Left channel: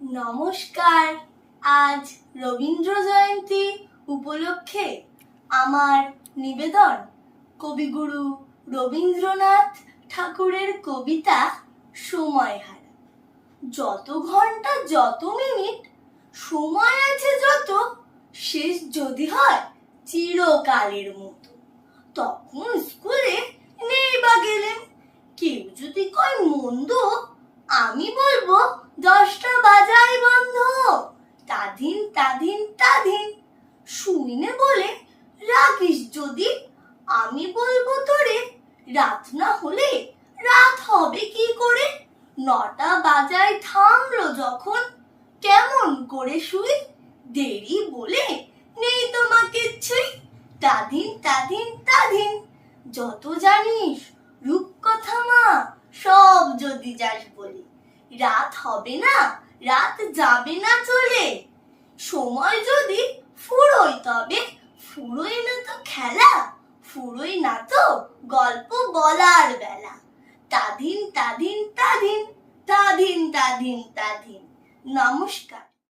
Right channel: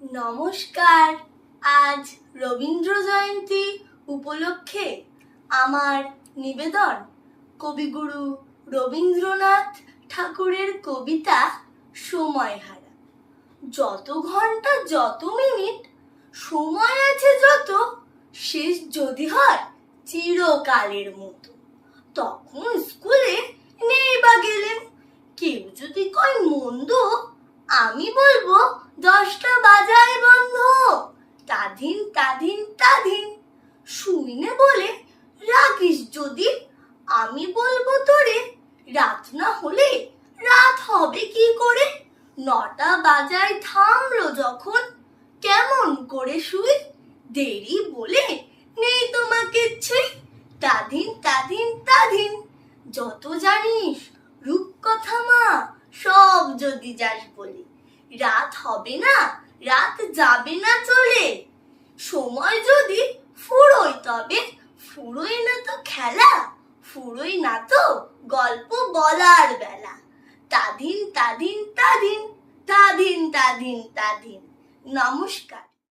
নমস্কার। আজ রবীন্দ্র জয়ন্তী উপলক্ষে আমার নিবেদন কবিগুরু রবীন্দ্রনাথ ঠাকুরের কবিতা সময়হারা। যত ঘন্টা যত মিনিট সময় আছে যত, শেষ যদি হয় চিরকালের মতো। তখন স্কুলে নেই বা গেলেন, কেউ যদি কয় মন্দ, আমি বলবো 10টা বাজায় বন্ধ। তাধিন তাধিন তাধিন শুইনে বলে রাখিস যদি, আমি বলবো তোরে রাত না হলে রাত হবে কি করে। 9টা বাজায় থামলো যখন, কেমন করে শুই, দেরি বলে নেই তোমাকে ছুঁই। তাধিন তাধিন তাধিন যত জানিস রূপকথা মা, সব যদি যাস বলে, রাত হবে না রাত যাবে না চলে। সময় যদি ফুরোয় তবে ফুরোয় না তো খেলা, ফুরোয় না তো গল্প বলার বেলা। তাধিন তাধিন তাধিন তাধিন তাধিন তাধিন। নমস্কার।